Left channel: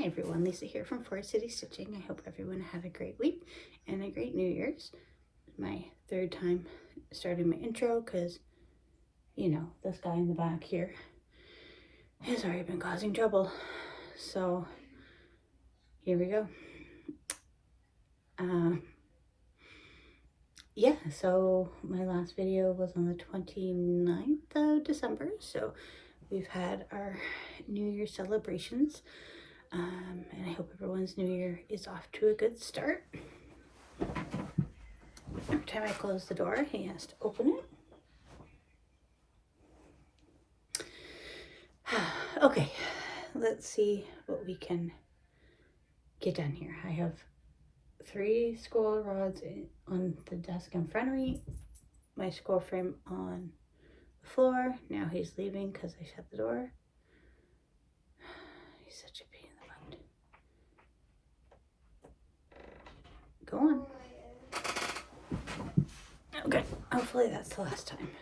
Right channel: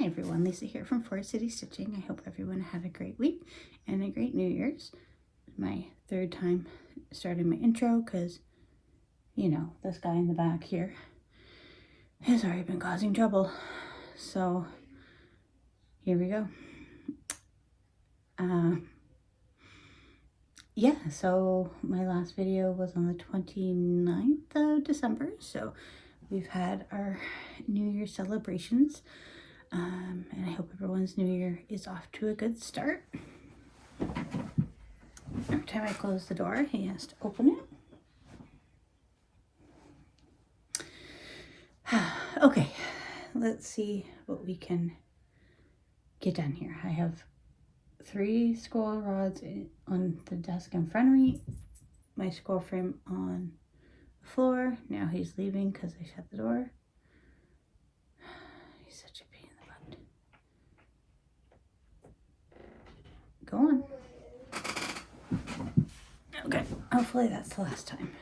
Hi everyone, Lisa here from Forest City Stitching. I hope everyone had a great week and a great New Year's. My third time starting my intro because, you know, this guy in the back here has already been causing trouble. So here we go. Yeah, so my last video was on the 29th of December. So we've had our New Year celebrations. And I hope everyone's New Year is off to a good start. Every time I close the door, he has to open it. Okay, let's see what we can get done here. I have 3 scroll rods on the desk in front of me, my scroll frame on the floor. Now he's leaving because I shut the door. He's such a pain in the butt. Go on. Okay, hopefully that's the last time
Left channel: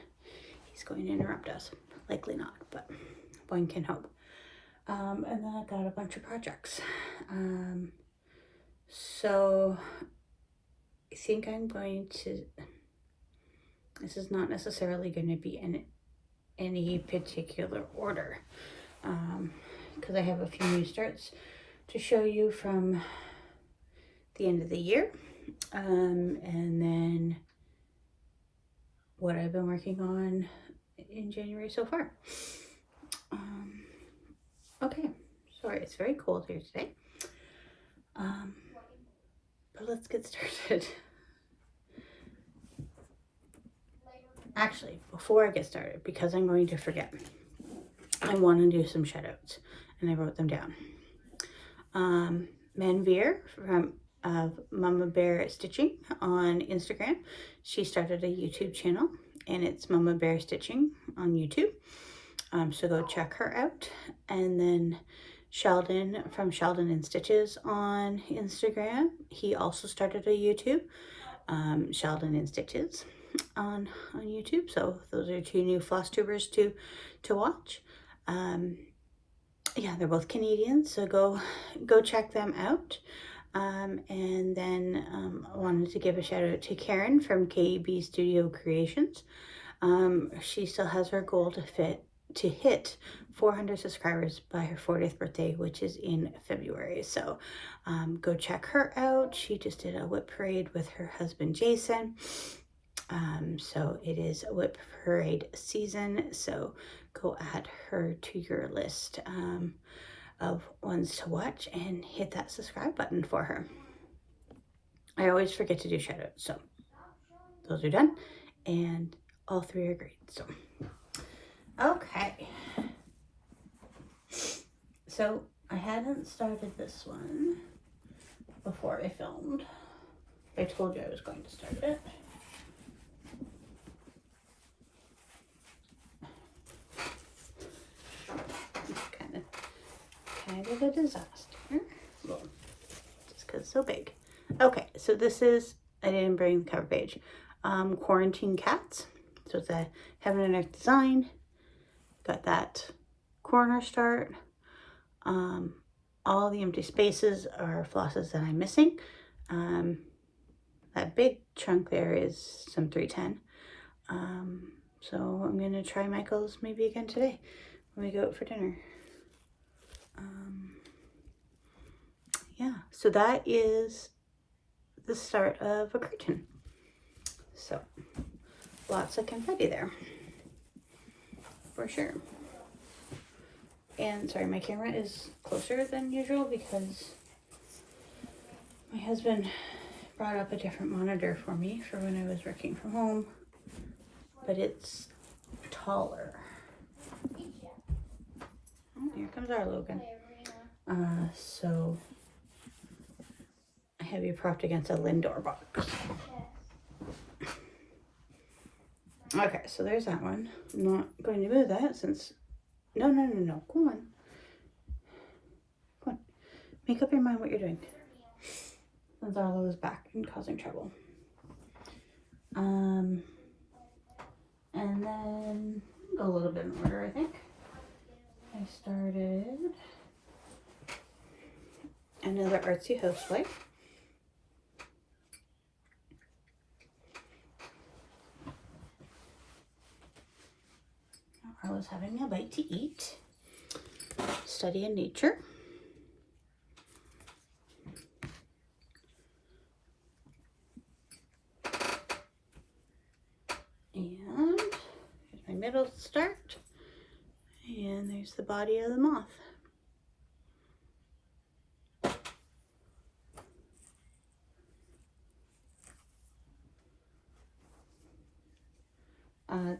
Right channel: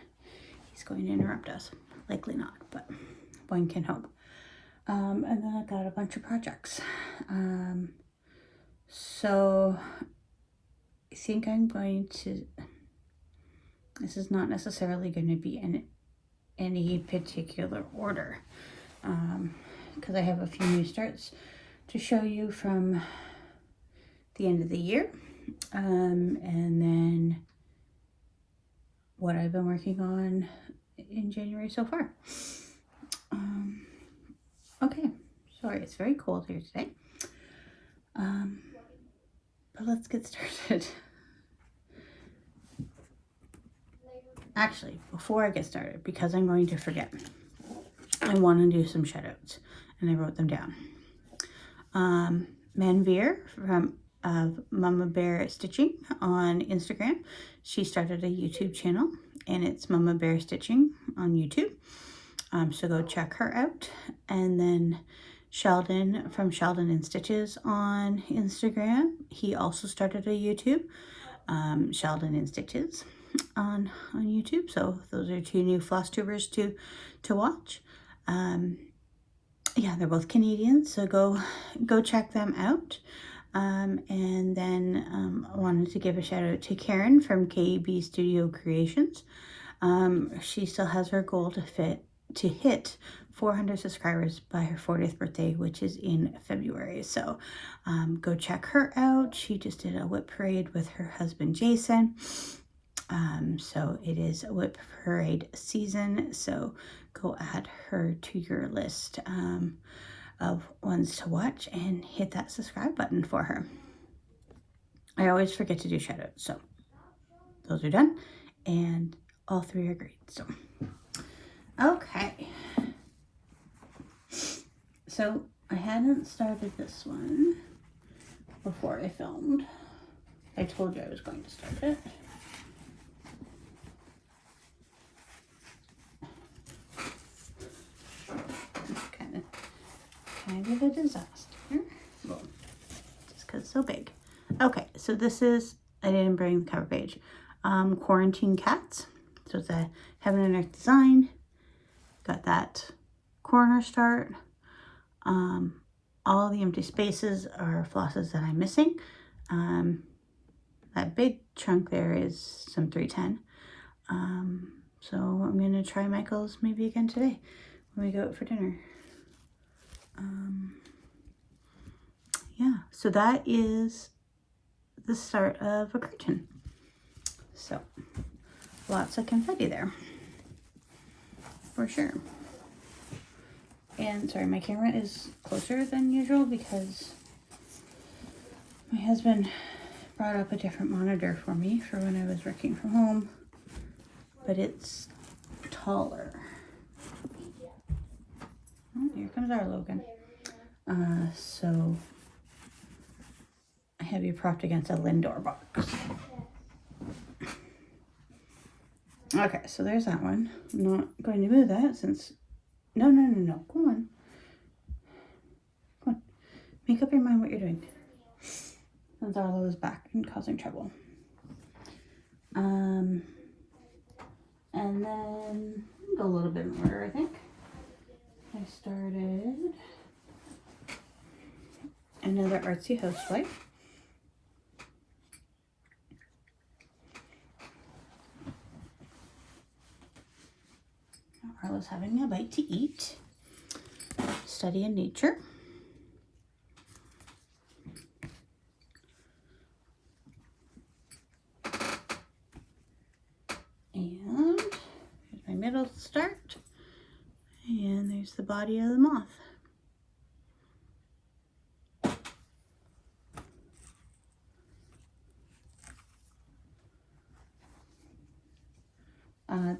he's going to interrupt us. Likely not, but one can hope. And then I got a bunch of projects. So I think I'm going to, this is not necessarily going to be in any particular order, because I have a few new starts to show you from the end of the year, and then what I've been working on in January so far. Okay, sorry, it's very cold here today. But let's get started. Actually, before I get started, because I'm going to forget, I want to do some shout outs, and I wrote them down. Manveer of Mama Bear Stitching on Instagram. She started a YouTube channel, and it's Mama Bear Stitching on YouTube. So go check her out. And then Sheldon from Sheldon and Stitches on Instagram. He also started a YouTube, Sheldon and Stitches on YouTube. So those are 2 new Flosstubers to watch. Yeah, they're both Canadian, so go check them out. And then I wanted to give a shout out to Karen from KEB Studio Creations. She still has her goal to hit 400 subscribers by her 40th birthday, which is in February. So go check her out. She just did a whip parade with her husband Jason. So it is whip parade season, so go add her to your list of ones to watch and hit that subscribe button for her. I always forget to do shout outs, so those are done, and all 3 are great. So okay, so I hadn't started this one before I filmed. I told you I was going to start it. Kind of a disaster. Well, just because it's so big. Okay, so this is, I didn't bring the cover page. Quarantine Cats. So it's a Heaven and Earth design. Got that corner start. All the empty spaces are flosses that I'm missing. That big chunk there is some 310. So I'm going to try Michael's maybe again today when we go out for dinner. Yeah, so that is the start of a curtain. So lots of confetti there for sure. And sorry, my camera is closer than usual because my husband brought up a different monitor for me for when I was working from home, but it's taller. Oh, here comes our Logan. So I have you propped against a Lindor box. Okay, so there's that one. I'm not going to move that since, no, go on. Come on, make up your mind what you're doing. Since Arlo is back and causing trouble. And then go a little bit in order, I think. I started another artsy housewife. Arla's having a bite to eat. Study in nature. And here's my middle start. And there's the body of the moth.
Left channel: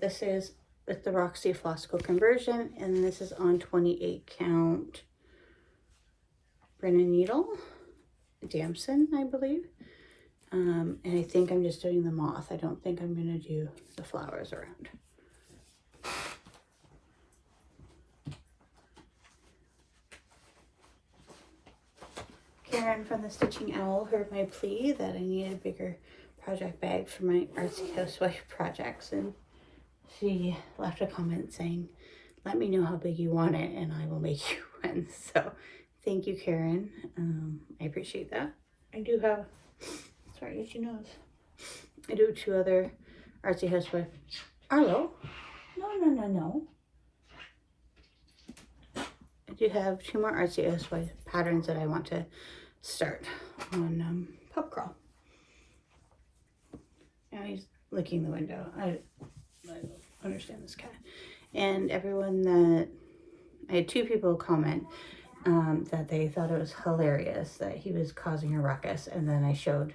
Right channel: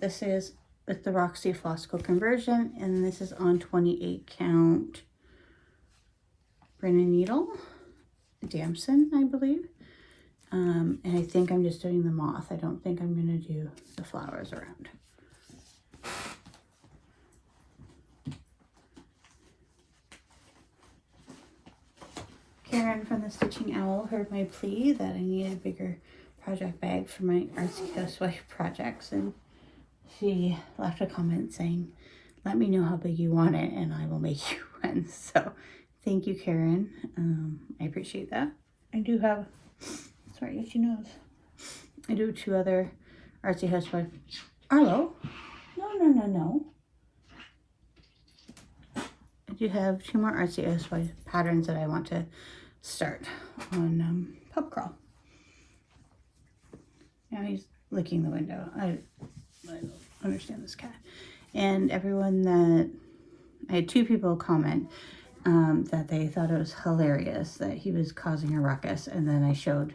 This is with the Roxy Flosstube conversion, and this is on 28 count Brennan needle, damson, I believe. And I think I'm just doing the moth. I don't think I'm going to do the flowers around. Karen from the Stitching Owl heard my plea that I need a bigger project bag for my artsy housewife projects, and she left a comment saying, let me know how big you want it and I will make you one. So thank you, Karen. I appreciate that. I do have, sorry, itchy nose. I do 2 other artsy housewife. Arlo, no. I do have 2 more artsy housewife patterns that I want to start on Pub Crawl. Now he's licking the window. I don't understand this cat. And everyone that, I had 2 people comment that they thought it was hilarious that he was causing a ruckus, and then I showed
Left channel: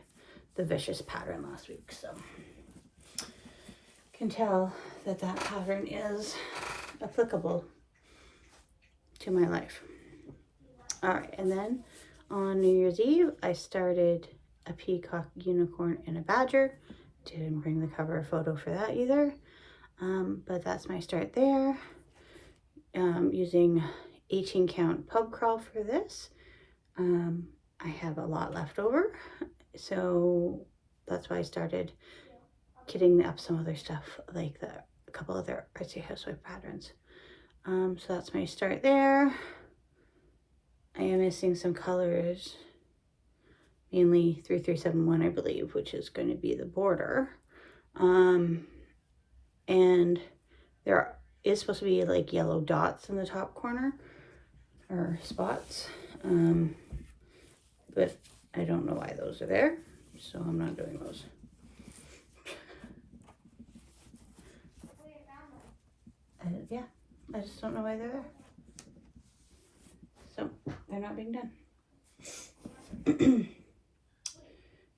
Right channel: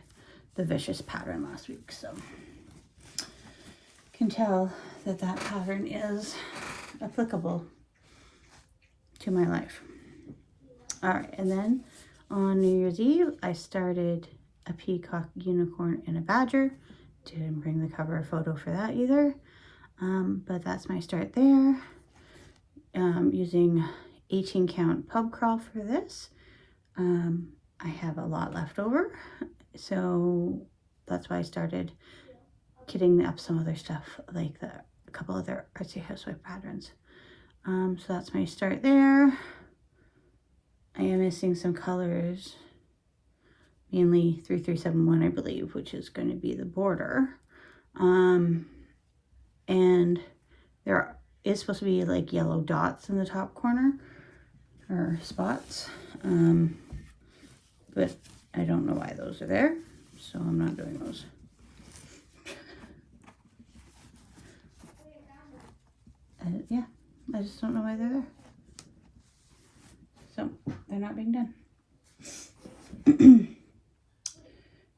the vicious pattern last week, so can tell that that pattern is applicable to my life. All right, and then on New Year's Eve I started a peacock, unicorn, and a badger. Didn't bring the cover photo for that either, but that's my start there. Using 18 count Pub Crawl for this. I have a lot left over, so that's why I started kitting up some other stuff, like a couple other artsy housewife patterns. So that's my start there. I am missing some colors, mainly 3371, I believe, which is going to be the border. And there is supposed to be like yellow dots in the top corner, or spots, but I don't know why those are there, so I'm not doing those. Yeah, I just don't know why they're there. So they're not being done.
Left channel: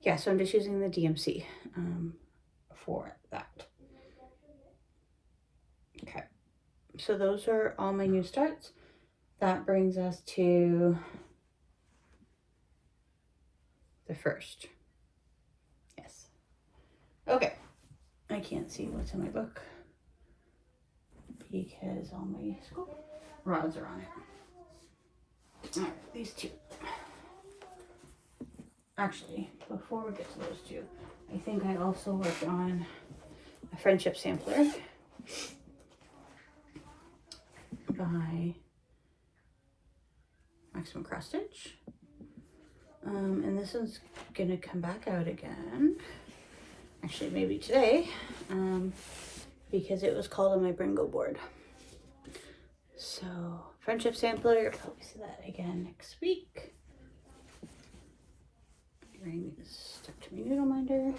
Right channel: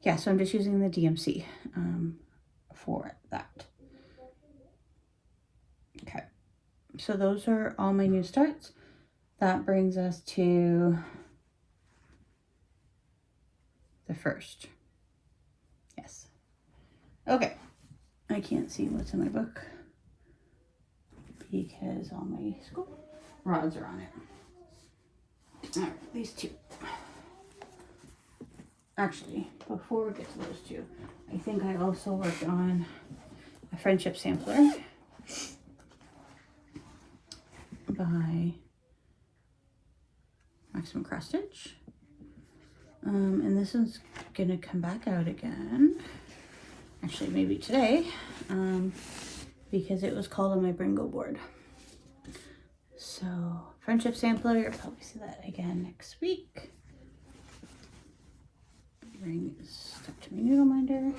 Yeah, so I'm just using the DMC for that. Okay, so those are all my new starts. That brings us to the 1st. Yes. Okay. I can't see what's in my book because all my school rods are on it. All right, these 2. Actually, before we get to those 2, I think I also worked on a friendship sampler by Maximum Cross Stitch. And this is gonna come back out again. Actually, maybe today, because it was called on my Bringo board. So, friendship sampler, you'll probably see that again next week. Ring is stuck to my noodle minder.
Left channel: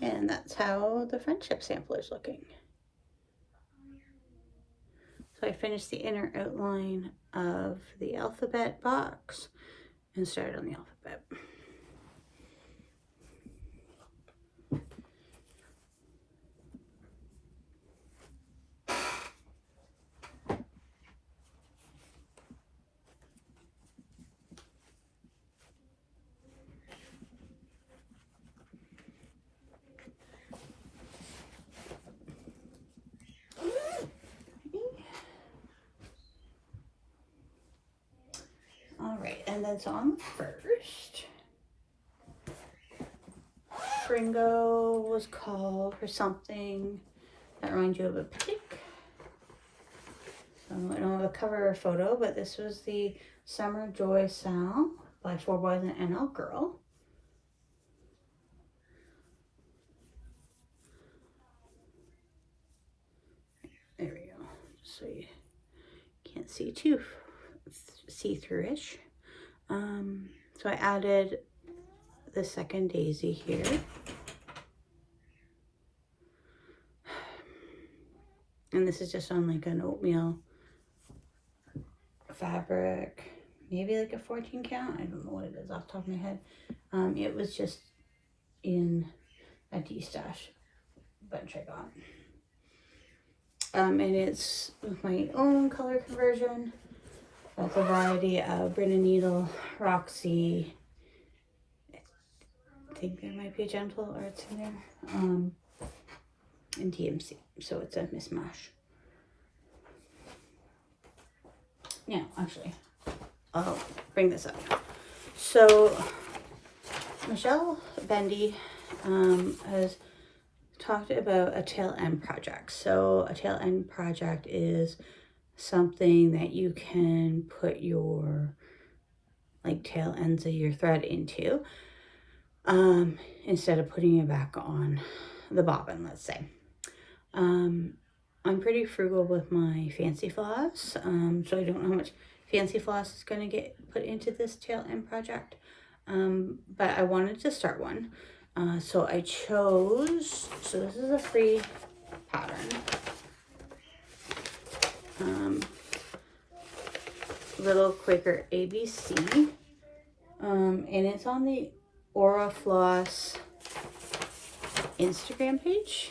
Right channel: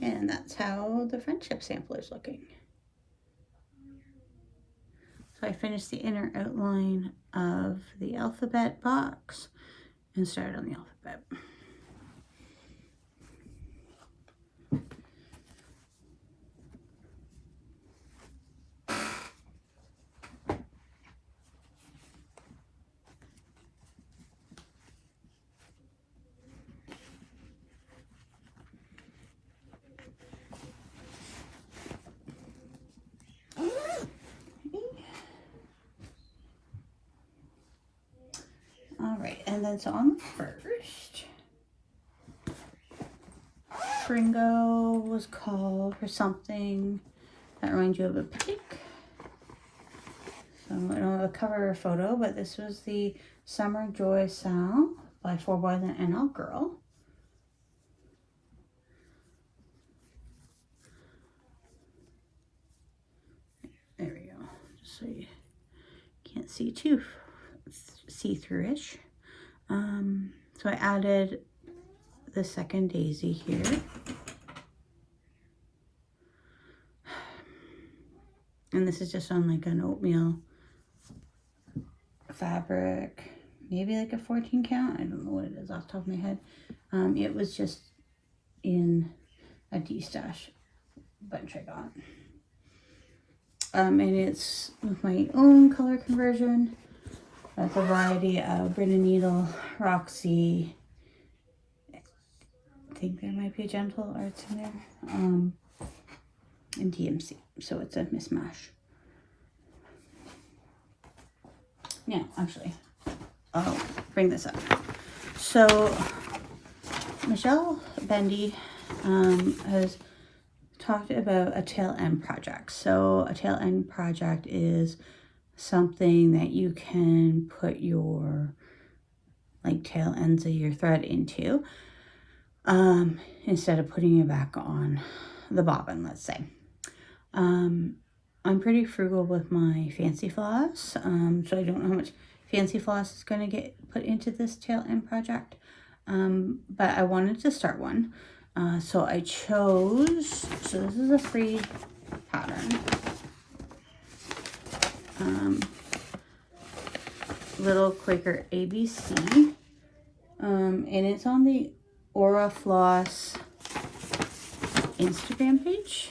And that's how the friendship sampler is looking. So I finished the inner outline of the alphabet box and started on the alphabet. All right, and then so on the 1st, Fringo was called for something that reminds you of a picnic. So I don't have a cover photo, but this was the Summer Joy Sal by 4 Boys and an NL Girl. There we go. Just so you can't see too see-through-ish. So I added the second daisy here. And this is just on like an oatmeal fabric, maybe like a 14 count. I don't know what it is off the top of my head. It was just in a D-stash bunch I got. And it's with my own color conversion. That's a variety of Brenda Needle, Roxy. I think there might be a Gentle Arts in there. And DMC. So it's a mismatch. Yeah, actually, I'll bring this up. So Michelle Bendy has talked about a tail end project. So a tail end project is something that you can put your like tail ends of your thread into instead of putting it back on the bobbin, let's say. I'm pretty frugal with my fancy floss, so I don't know how much fancy floss is going to get put into this tail end project, but I wanted to start one, so I chose, so this is a free pattern, Little Quaker ABC, and it's on the Aura Floss Instagram page.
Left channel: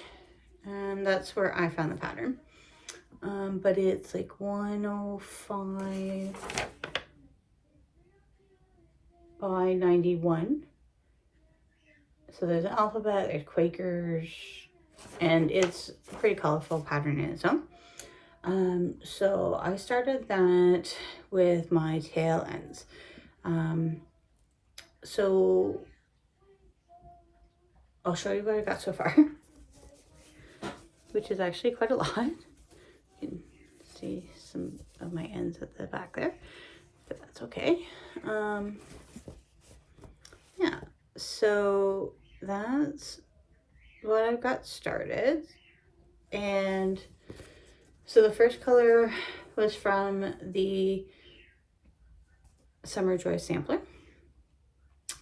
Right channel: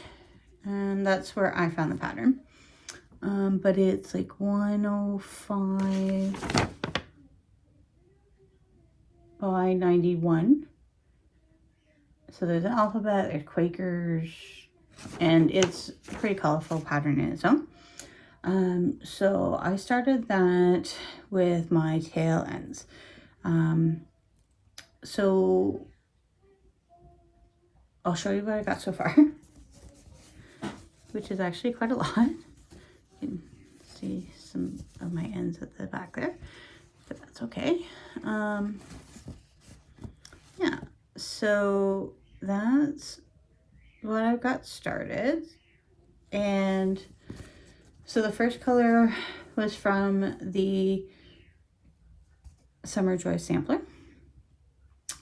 And that's where I found the pattern. But it's like 105 by 91. So there's an alphabet, there's Quakers, and it's a pretty colorful pattern in its own. So I started that with my tail ends. So I'll show you what I got so far. Which is actually quite a lot. You can see some of my ends at the back there, but that's okay. Yeah, so that's what I've got started. And so the first color was from the Summer Joy sampler.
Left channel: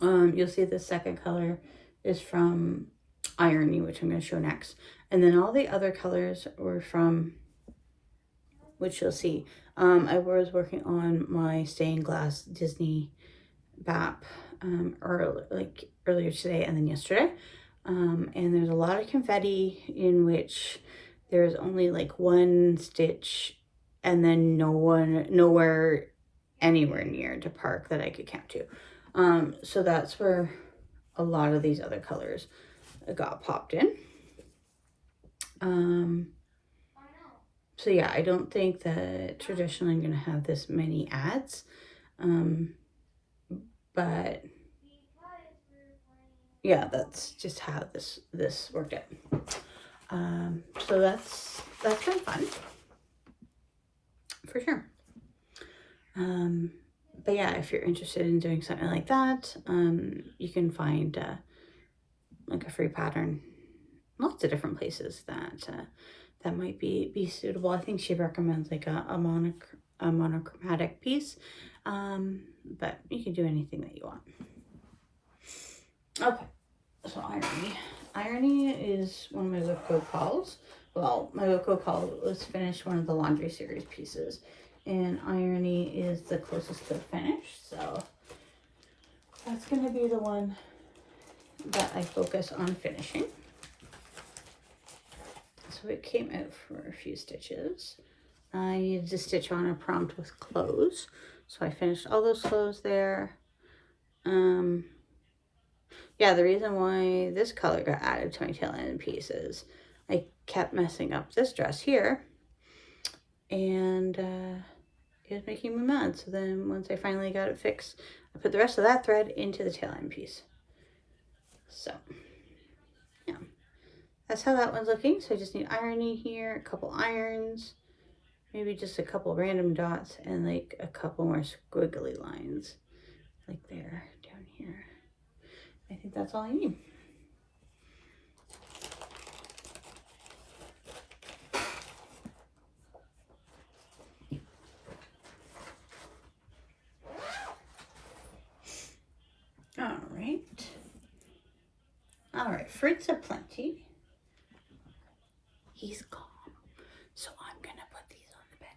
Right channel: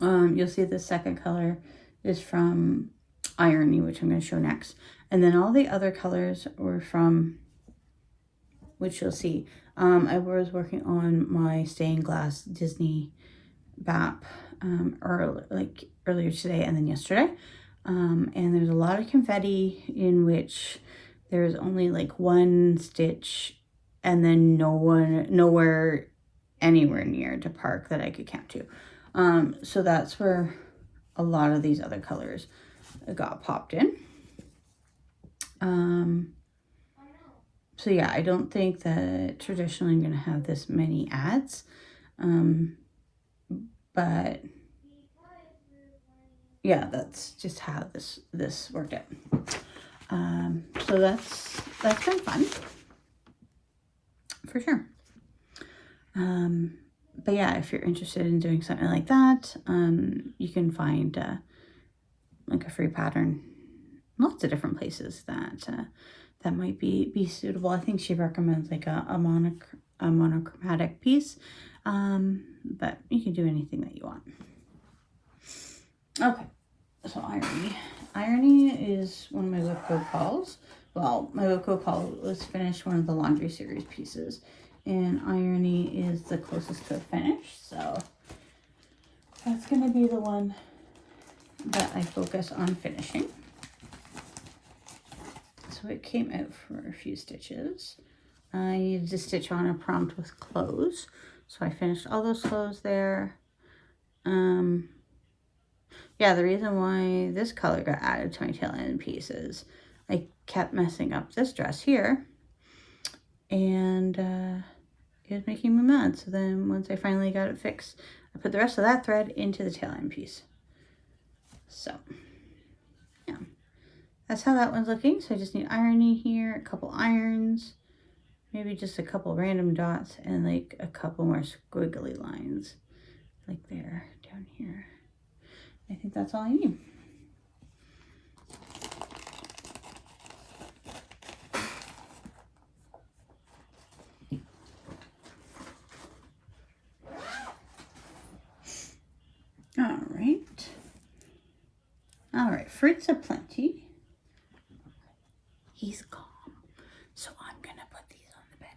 You'll see the second color is from Irony, which I'm going to show next. And then all the other colors were from, which you'll see. I was working on my stained glass Disney BAP earlier today and then yesterday. And there's a lot of confetti in which there's only like one stitch and then nowhere anywhere near to park that I could count to. So that's where a lot of these other colors got popped in. So yeah, I don't think that traditionally I'm going to have this many ads, but yeah, that's just how this worked out. So that's been fun for sure. But yeah, if you're interested in doing something like that, you can find like a free pattern, lots of different places that might be suitable. I think she recommends like a monochromatic piece, but you can do anything that you want. Okay, so Irony is one of my Whipco calls. Well, my Whipco call was finished one of the laundry series pieces, and Irony is the closest to a finish, so that's going to be the one that I focus on finishing. So it came out for a few stitches. I needed to stitch on a prompt with clothes, so I finished all those clothes there. Yeah, the reason why this color got added to my tail end piece is I kept messing up this dress here, and it was making me mad. So then once I finally got it fixed, I put the rest of that thread into the tail end piece. So that's how that one's looking. So I just need ironing here, a couple irons, maybe just a couple random dots, and like a couple more squiggly lines like there down here. I think that's all I need. All right, fruits aplenty. He's calm, so I'm gonna put these on the bed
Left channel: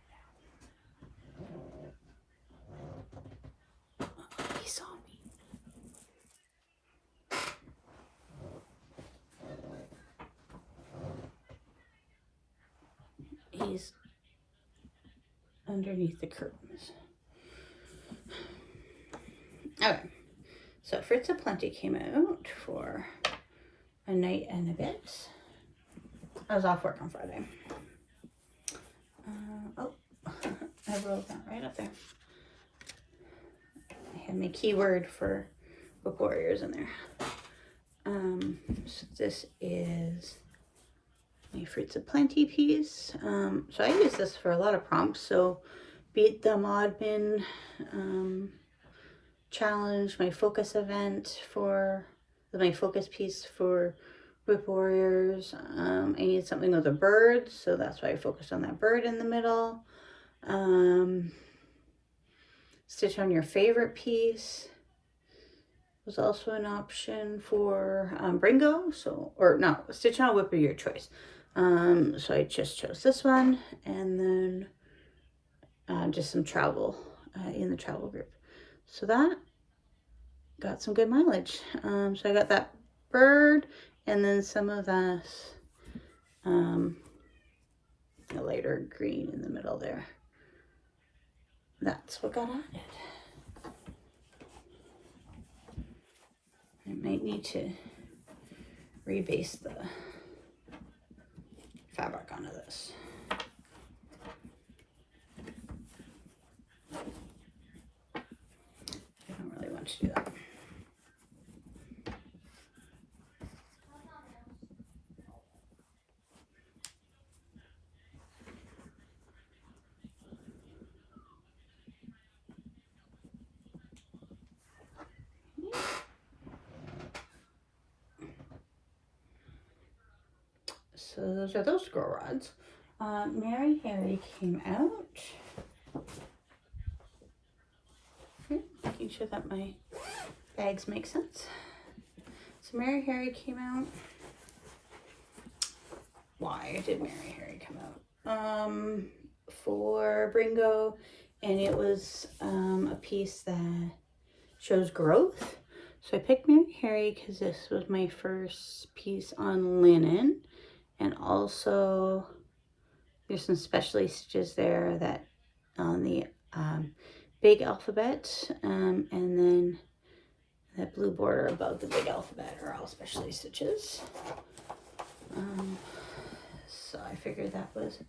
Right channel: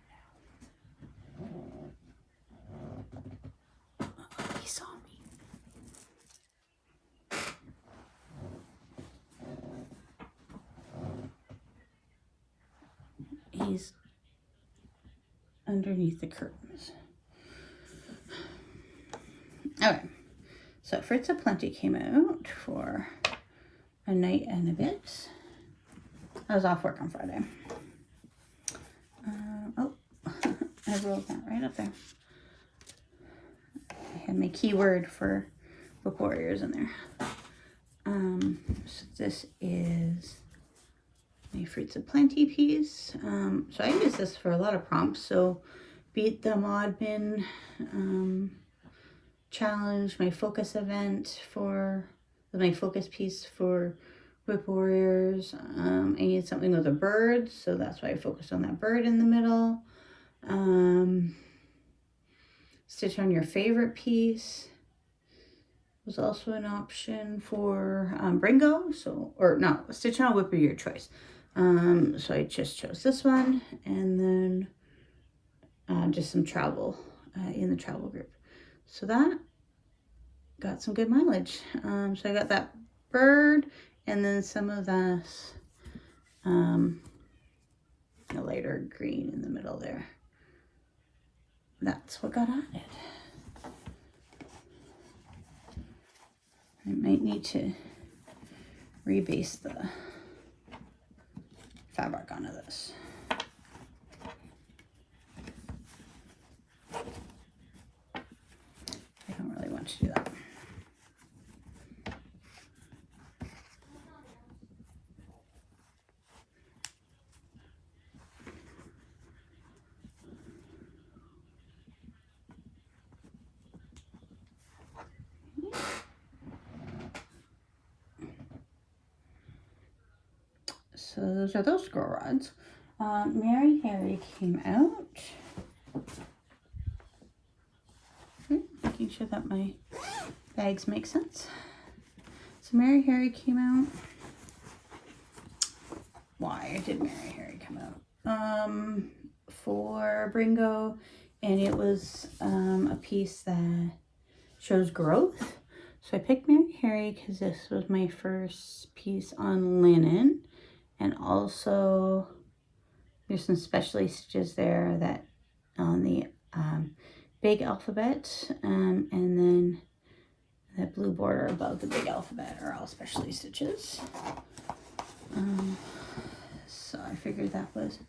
now. Uh-oh, he saw me. He's underneath the curtains. Okay, so fruits aplenty came out for a night and a bit. I was off work on Friday. Oh, I have a little plant right up there. I had my keyword for book warriors in there. So this is my fruits aplenty piece. So I use this for a lot of prompts. So beat the Modmin challenge, my focus event for my focus piece for Whip Warriors. I need something with a bird, so that's why I focused on that bird in the middle. Stitch on your favorite piece was also an option for Bringo. So, or no, stitch on a whip of your choice. So I just chose this one, and then just some travel in the travel group. So that got some good mileage. So I got that bird, and then some of that a lighter green in the middle there. That's what got added. I might need to rebase the fabric onto this. I don't really want to do that. So those are those scroll rods. Mary Harry came out. Okay, making sure that my bags make sense. So Mary Harry came out. Why did Mary Harry come out? For Bringo, and it was a piece that shows growth. So I picked Mary Harry because this was my first piece on linen. And also, there's some specialty stitches there that on the big alphabet, and then the blue border above the big alphabet are all specialty stitches. So I figured that was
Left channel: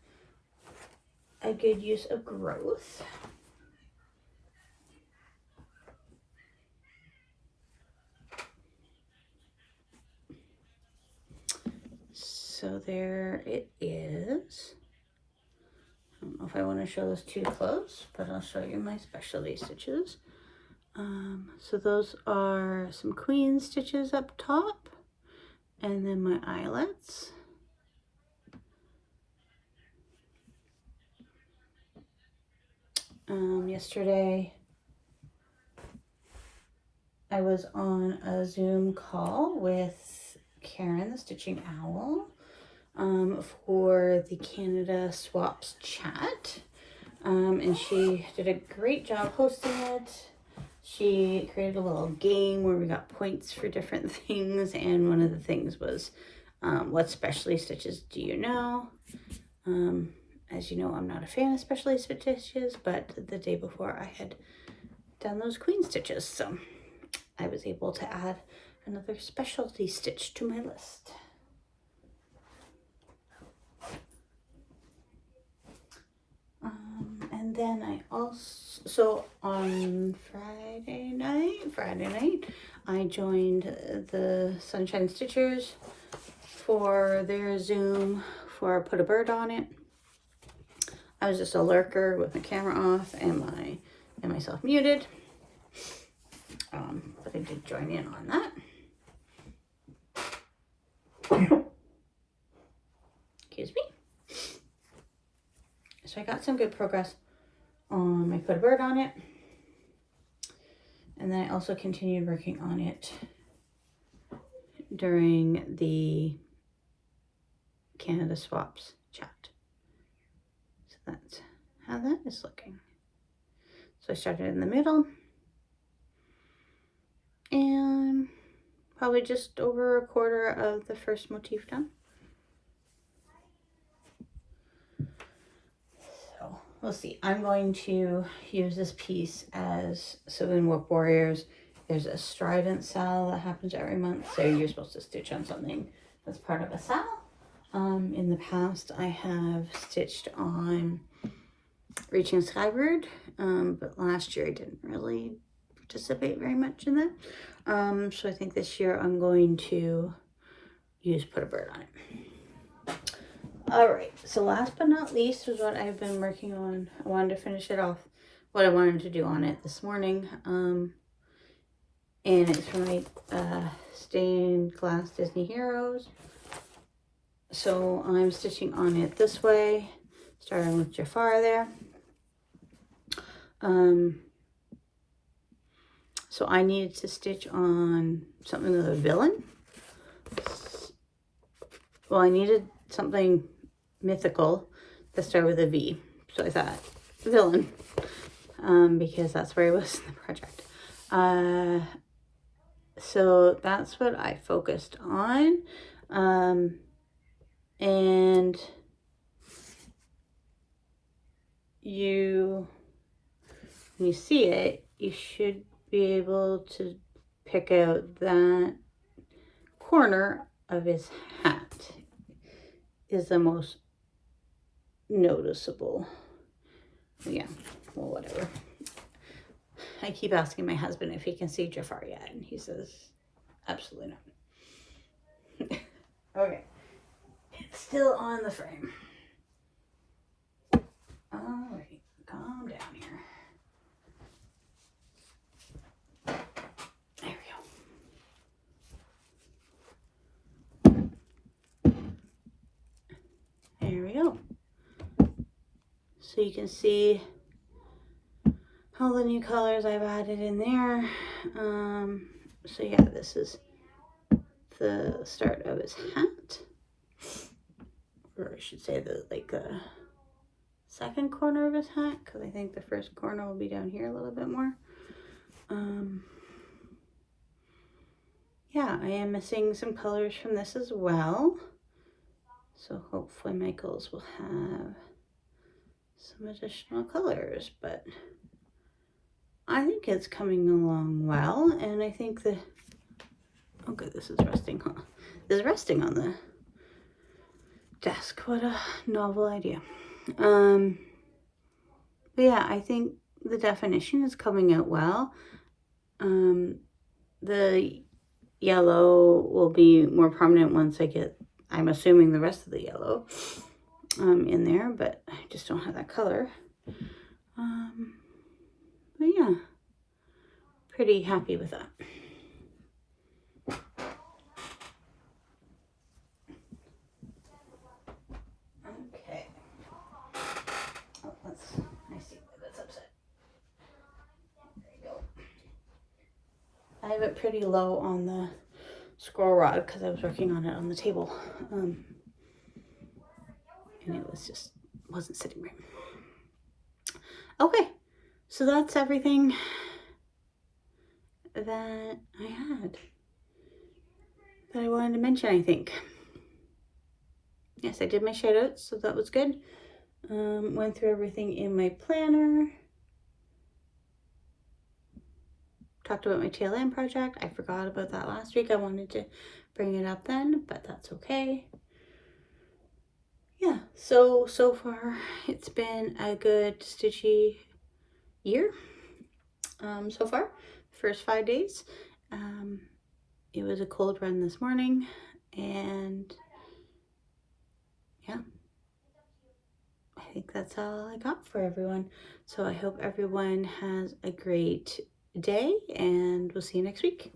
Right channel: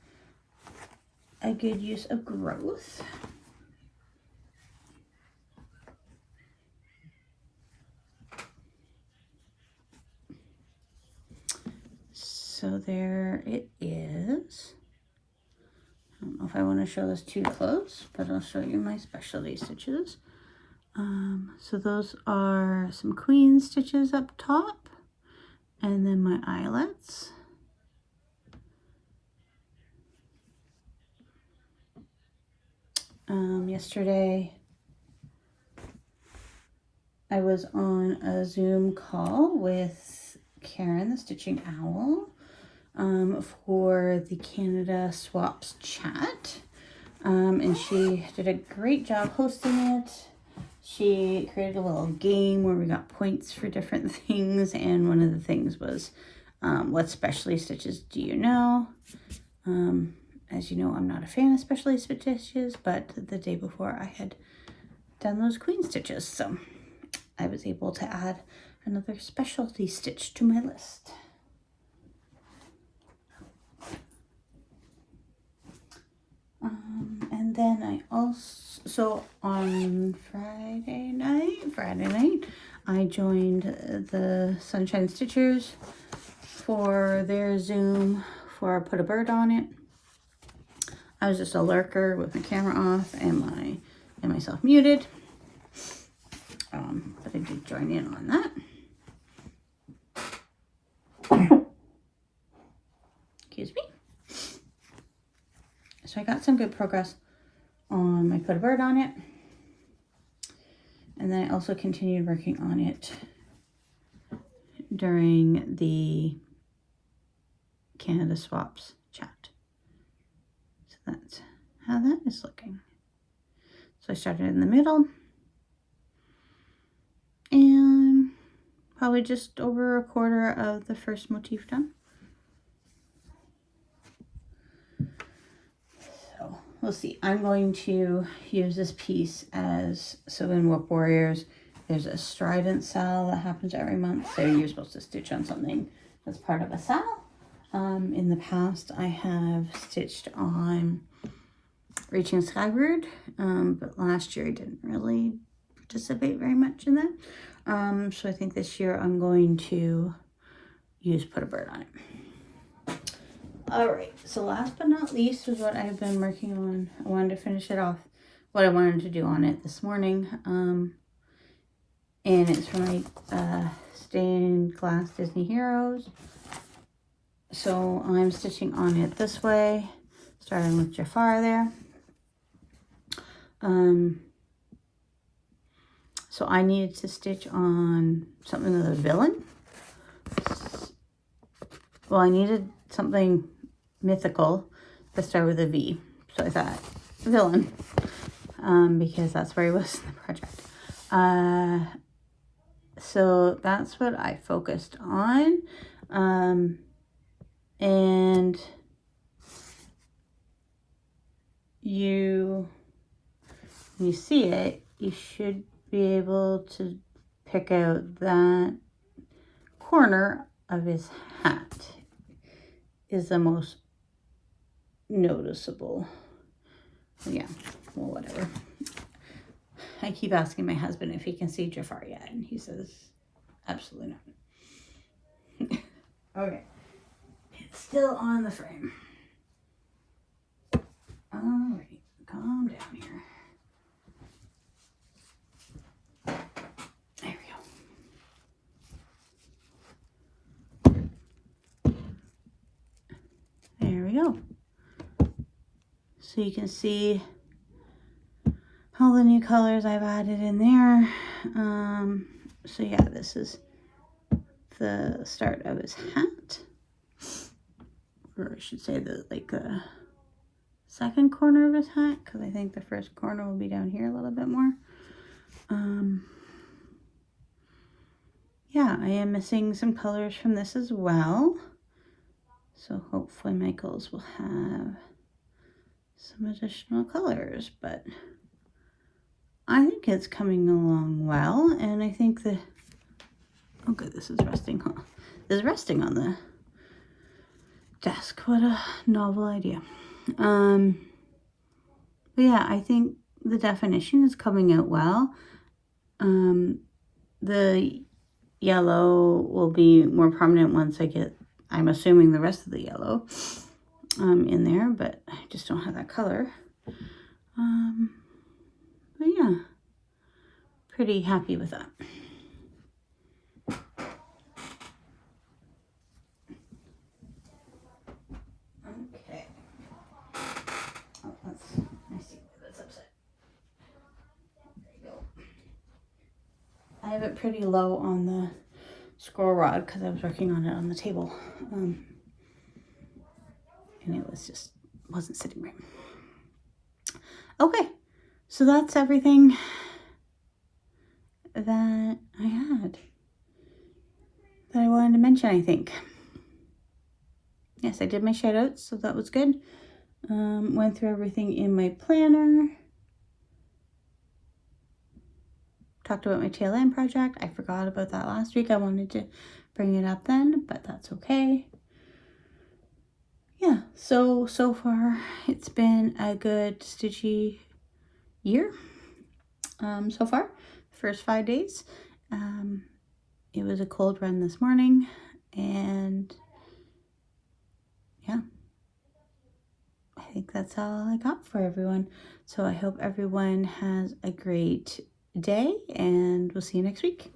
a good use of growth. So there it is. I don't know if I want to show this too close, but I'll show you my specialty stitches. So those are some queen stitches up top, and then my eyelets. Yesterday I was on a Zoom call with Karen, the Stitching Owl, for the Canada Swaps chat, and she did a great job hosting it. She created a little game where we got points for different things, and one of the things was what specialty stitches do you know? As you know, I'm not a fan of specialty stitches, but the day before I had done those queen stitches, so I was able to add another specialty stitch to my list. And then I also, so on Friday night, I joined the Sunshine Stitchers for their Zoom for Put a Bird on It. I was just a lurker with my camera off and myself muted. But I did join in on that. Excuse me. So I got some good progress on my Put a Bird on It. And then I also continued working on it during the Canada Swaps chat. So that's how that is looking. So I started in the middle and probably just over a quarter of the first motif done. So we'll see. I'm going to use this piece as, so in Work Warriors, there's a strident sal that happens every month. So you're supposed to stitch on something as part of a sal. In the past, I have stitched on Reaching Skyward, but last year I didn't really participate very much in that. So I think this year I'm going to use Put a Bird on it. All right, so last but not least was what I have been working on. I wanted to finish it off, what I wanted to do on it this morning. And it's from my stained glass Disney Heroes. So I'm stitching on it this way, starting with Jafar there. So I needed to stitch on something of the villain. Well, I needed something mythical that started with a V. So I thought villain, because that's where he was in the project. So that's what I focused on. And you see it, you should be able to pick out that corner of his hat is the most noticeable. Yeah, well, whatever. I keep asking my husband if he can see Jafar yet, and he says, absolutely not. Okay. It's still on the frame. All right, calm down here. There we go. There we go. So you can see all the new colors I've added in there. So yeah, this is the start of his hat. Or I should say the second corner of his hat, because I think the first corner will be down here a little bit more. Yeah, I am missing some colors from this as well. So hopefully Michael's will have some additional colors, but I think it's coming along well. And I think the, oh good, this is resting, huh? This is resting on the desk. What a novel idea. But yeah, I think the definition is coming out well. The yellow will be more prominent once I get, I'm assuming, the rest of the yellow in there, but I just don't have that color. But yeah, pretty happy with that. Okay. Oh, I see why that's upset. There you go. I have it pretty low on the scroll rod because I was working on it on the table. And it was just, wasn't sitting right. Okay, so that's everything that I had that I wanted to mention, I think. Yes, I did my shout outs, so that was good. Went through everything in my planner. Talked about my tail end project. I forgot about that last week. I wanted to bring it up then, but that's okay. Yeah, so far it's been a good stitchy year. So far, first 5 days. It was a cold run this morning, and think that's all I got for everyone. So I hope everyone has a great day, and we'll see you next week.